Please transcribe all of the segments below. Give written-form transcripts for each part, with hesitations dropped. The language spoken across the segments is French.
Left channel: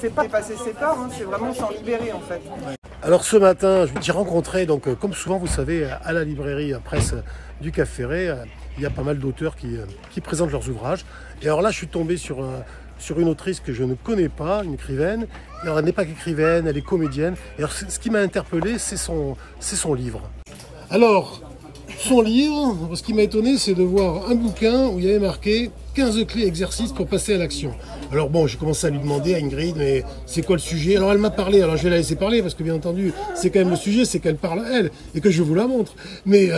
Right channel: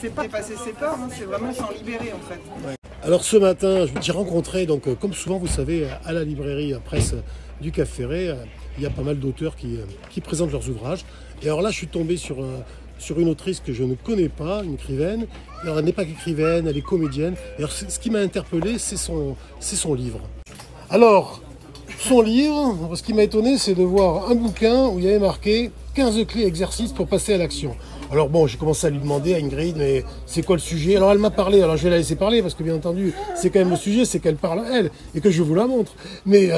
c'est pas dépasser ses peurs, hein, c'est vraiment s'en libérer en fait. Alors ce matin, j'ai rencontré, donc comme souvent vous savez, à la librairie presse du Cap Ferret, il y a pas mal d'auteurs qui présentent leurs ouvrages. Et alors là, je suis tombé sur une autrice que je ne connais pas, une écrivaine. Et alors elle n'est pas qu'écrivaine, elle est comédienne. Et alors ce qui m'a interpellé, c'est son livre. Alors, son livre, ce qui m'a étonné, c'est de voir un bouquin où il y avait marqué 15 clés exercices pour passer à l'action. Alors bon, j'ai commencé à lui demander à Ingrid, mais c'est quoi le sujet? Alors elle m'a parlé, alors je vais la laisser parler parce que bien entendu, c'est quand même le sujet, c'est qu'elle parle elle et que je vous la montre. Mais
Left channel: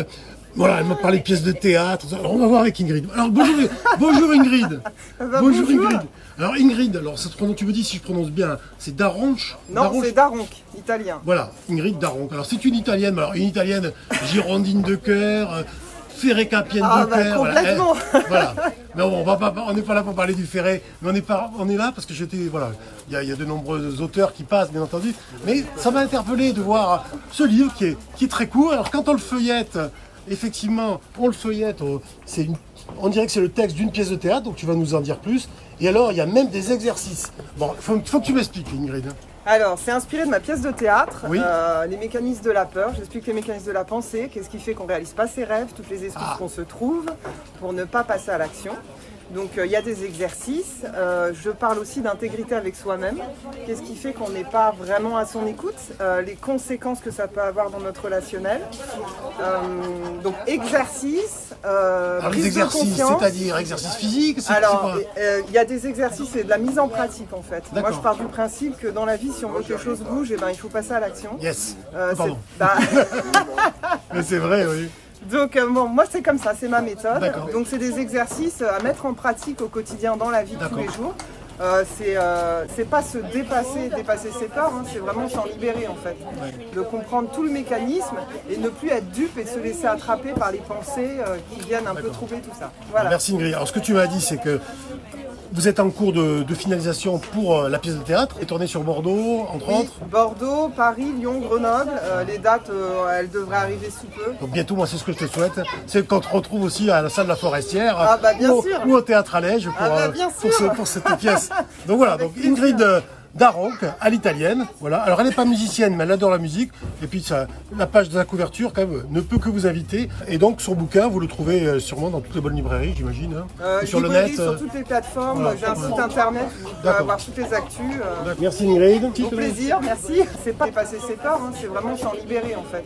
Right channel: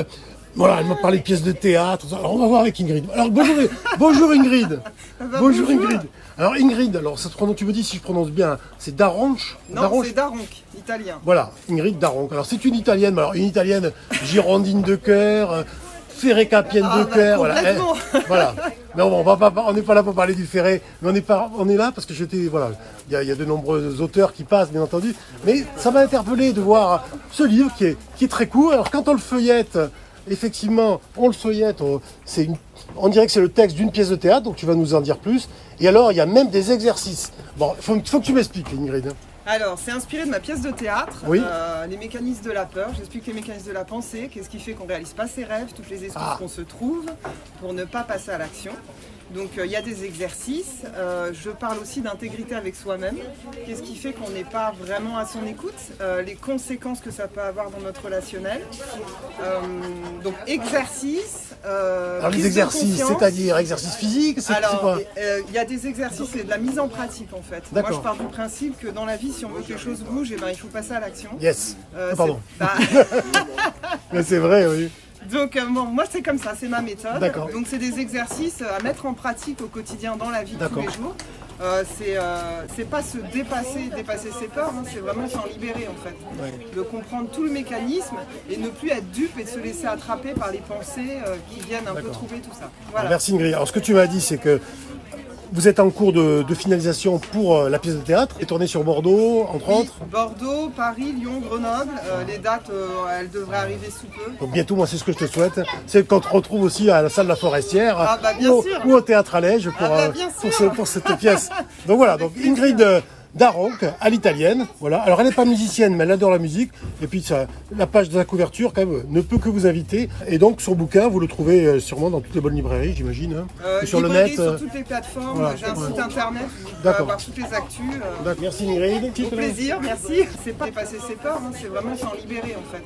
voilà, elle m'a parlé de pièces de théâtre. Alors on va voir avec Ingrid. Alors bonjour Ingrid. Bonjour Ingrid. Alors Ingrid, alors ça se prononce, tu me dis si je prononce bien, c'est Daronche? Non, c'est Daronc, italien. Voilà, Ingrid Daronc. Alors c'est une italienne, alors une italienne girondine de cœur. Ferré capienne de cœur. Complètement. Voilà. Mais on n'est pas là pour parler du Ferré, mais on est là parce que voilà, il y a de nombreux auteurs qui passent, bien entendu. Mais ça m'a interpellé de voir ce livre qui est très court. Alors quand on le feuillette, effectivement, on dirait que c'est le texte d'une pièce de théâtre, donc tu vas nous en dire plus. Et alors, il y a même des exercices. Bon, faut que tu m'expliques, Ingrid. Alors, c'est inspiré de ma pièce de théâtre, oui. Les mécanismes de la peur. J'explique les mécanismes de la pensée, qu'est-ce qui fait qu'on ne réalise pas ses rêves, toutes les excuses qu'on se trouve pour ne pas passer à l'action. Donc, il y a des exercices. Je parle aussi d'intégrité avec soi-même. Qu'est-ce qui fait qu'on n'est pas vraiment à son écoute, les conséquences que ça peut avoir dans notre relationnel. Donc, exercice, prise de conscience. C'est-à-dire exercice physique? Alors, il y a des exercices et de la mise en pratique en fait. Moi, je pars du principe que dans la vie, si on veut que quelque chose bouge, eh ben, il faut passer à l'action. Yes. Mais c'est vrai, oui. Donc bon, moi c'est comme ça, c'est ma méthode. Donc c'est des exercices à mettre en pratique au quotidien dans la vie de tous les jours. C'est pas se dépasser ses peurs, hein, c'est vraiment s'en libérer en fait. De comprendre tout le mécanisme et ne plus être dupe et de se laisser attraper par les pensées qui viennent un peu troubler tout ça. Voilà. Merci Ingrid. Alors ce que tu m'as dit, c'est que vous êtes en cours de finalisation pour la pièce de théâtre et tournée sur Bordeaux, entre autres. Bordeaux, Paris, Lyon, Grenoble. Les dates, elles devraient arriver sous peu. Donc bientôt, moi, c'est ce que je te souhaite. C'est qu'on te retrouve aussi à la salle de la Forestière. Ah bah bien sûr. Ou au Théâtre Allège pour cette pièce. Donc voilà, donc Ingrid Daronc, à l'italienne. Voilà. Alors elle n'est pas musicienne, mais elle adore la musique. Et puis la page de la couverture, quand même, ne peut que vous inviter. Et donc son bouquin, vous le trouvez sûrement dans toutes les bonnes librairies, j'imagine. Librairie sur toutes les plateformes. J'ai un site internet où vous pouvez avoir toutes les actus. Merci Ingrid. Au plaisir, merci. C'est pas dépasser ses peurs, hein, c'est vraiment s'en libérer en fait.